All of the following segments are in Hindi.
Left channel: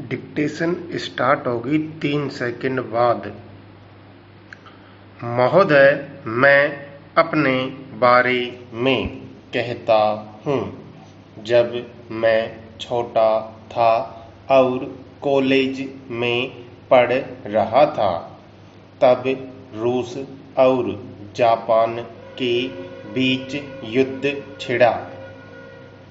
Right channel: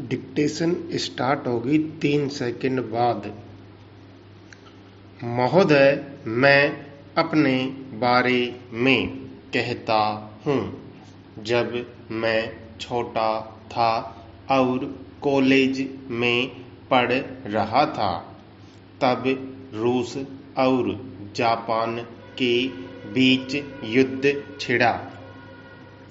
डिक्टेशन स्टार्ट होगी 3 सेकंड बाद। महोदय, मैं अपने बारे में कहता हूँ। जब मैं छोटा था और कॉलेज में पढ़ रहा था, तब रूस और जापान के बीच युद्ध छिड़ा।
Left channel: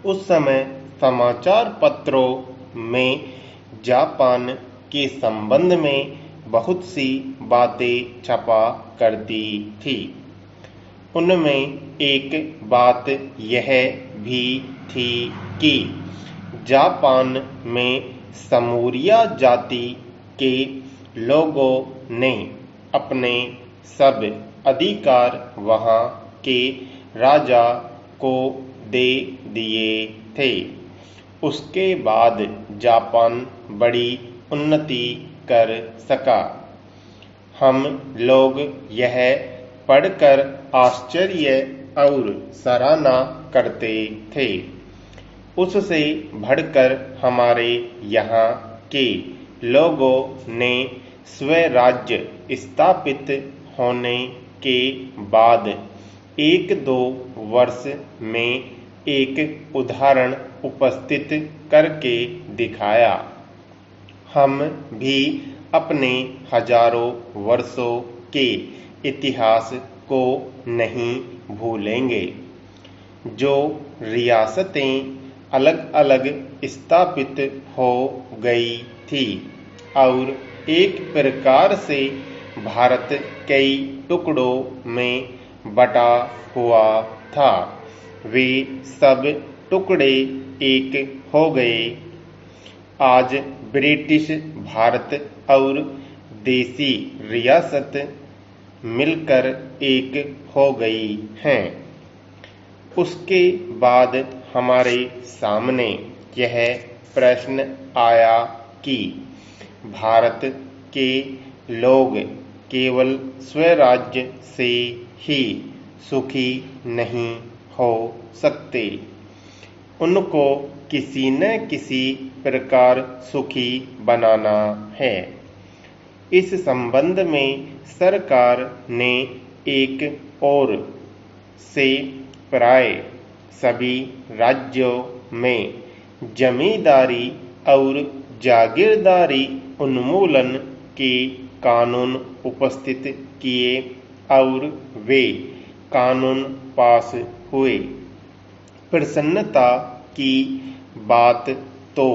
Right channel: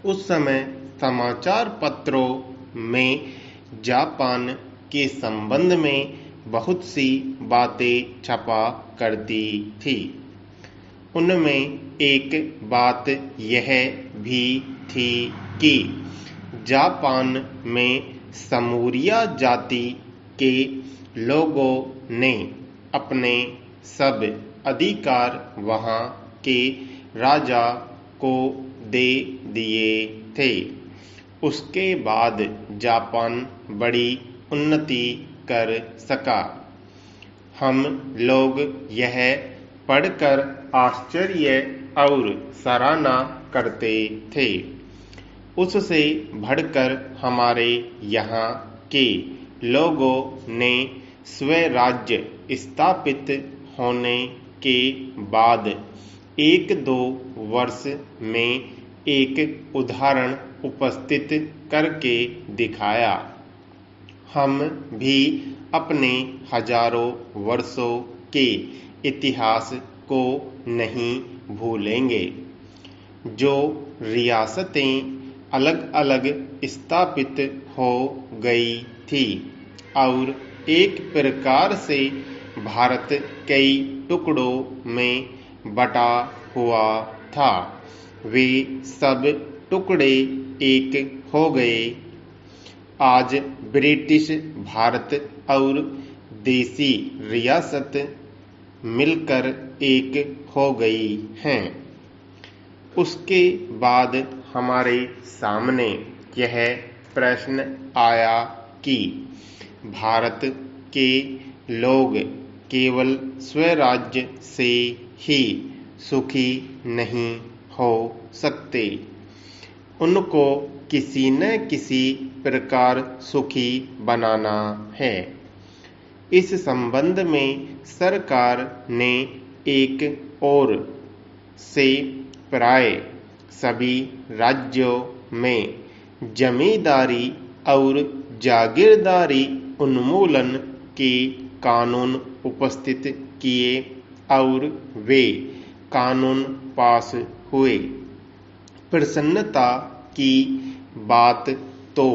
उस समय समाचार पत्रों में जापान के संबंध में बहुत सी बातें छपा करती थी। उनमें एक बात यह भी थी कि जापान में समूरिया जाति के लोगों ने अपने सब अधिकार वहाँ के राजा को दे दिए थे। उसके बाद जापान बड़ी उन्नति कर सका। हम लोग यह पढ़कर आश्चर्य और सराहना करते थे। उससे बढ़कर हमारे यहाँ के लोगों ने स्वराज्य स्थापित होने के बाद 1-2 वर्ष में एक उदाहरण उपस्थित करके दिखाया। हम भी अपने हजारों वर्षों के इतिहास को नहीं भूलेंगे। जो रियासतें अलग अलग स्थापित हो गई थी और एक प्रकार से भारत कई टुकड़ों में बटा हुआ था, वे सब टुकड़े एक हो गए। आज ब्रिटिश भारत और देसी रियासत मिलकर एक हो गई हैं। उसके बाद हमारे सामने यह प्रश्न आया कि भारत के लोग केवल स्वराज्य से ही सुखी नहीं हो सकते, उनको किसी न किसी प्रकार सुखी बनाना है। इस संबंध में सरकार ने एक ओर से प्राय सभी राज्यों में जमींदारी और जागीरदारी उन्मूलन के कानून उपस्थित किए और वे कानून पास हुए। प्रसन्नता की बात तो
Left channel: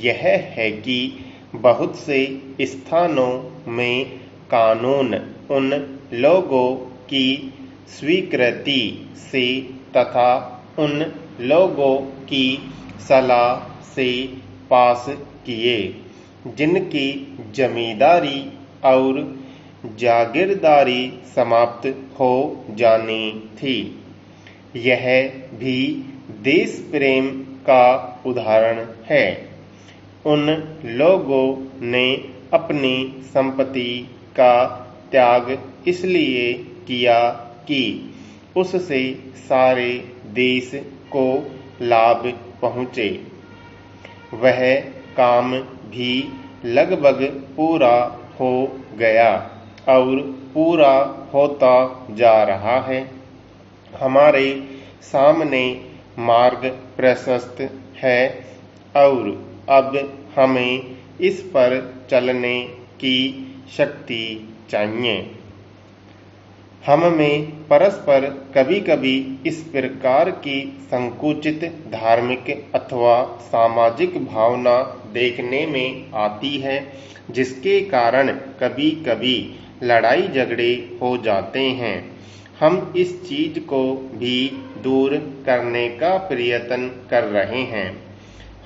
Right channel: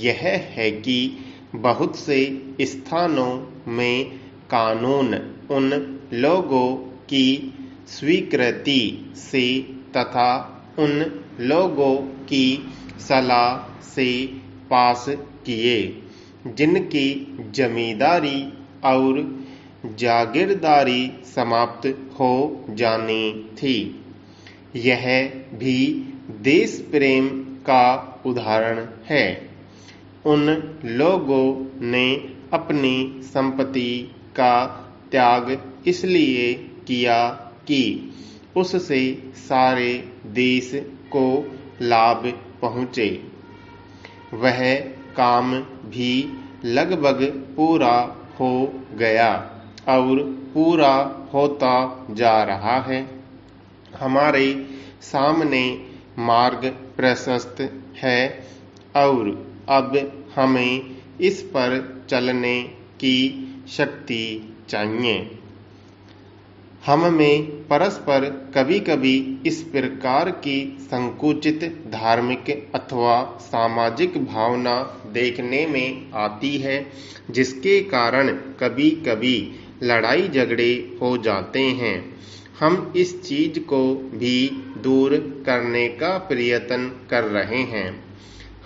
यह है कि बहुत से स्थानों में कानून उन लोगों की स्वीकृति से तथा उन लोगों की सलाह से पास किए जिनकी जमींदारी और जागीरदारी समाप्त हो जानी थी। यह भी देश प्रेम का उदाहरण है। उन लोगों ने अपनी संपत्ति का त्याग इसलिए किया कि उससे सारे देश को लाभ पहुँचे। वह काम भी लगभग पूरा हो गया और पूरा होता जा रहा है। हमारे सामने मार्ग प्रशस्त है और अब हमें इस पर चलने की शक्ति चाहिए। हम में परस्पर कभी कभी इस प्रकार की संकुचित धार्मिक अथवा सामाजिक भावना देखने में आती है, जिसके कारण कभी कभी लड़ाई झगड़े हो जाते हैं। हम इस चीज को भी दूर करने का प्रयत्न कर रहे हैं।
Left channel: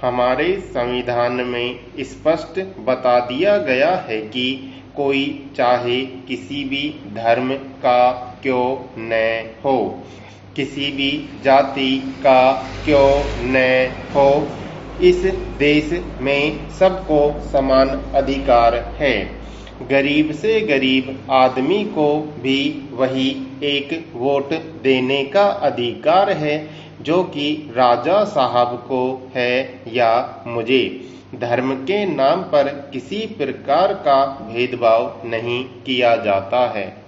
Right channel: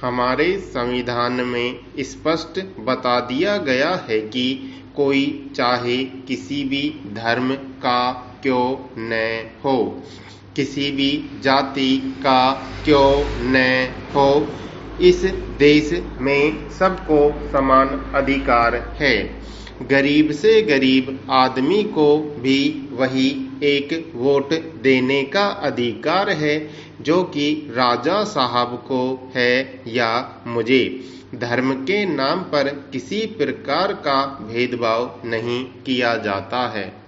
हमारे संविधान में स्पष्ट बता दिया गया है कि कोई चाहे किसी भी धर्म का क्यों न हो, किसी भी जाति का क्यों न हो, इस देश में सबको समान अधिकार है। गरीब से गरीब आदमी को भी वही एक वोट देने का अधिकार है जो कि राजा साहब को है या मुझे। धर्म के नाम पर किसी प्रकार का भेदभाव नहीं किया जाता है।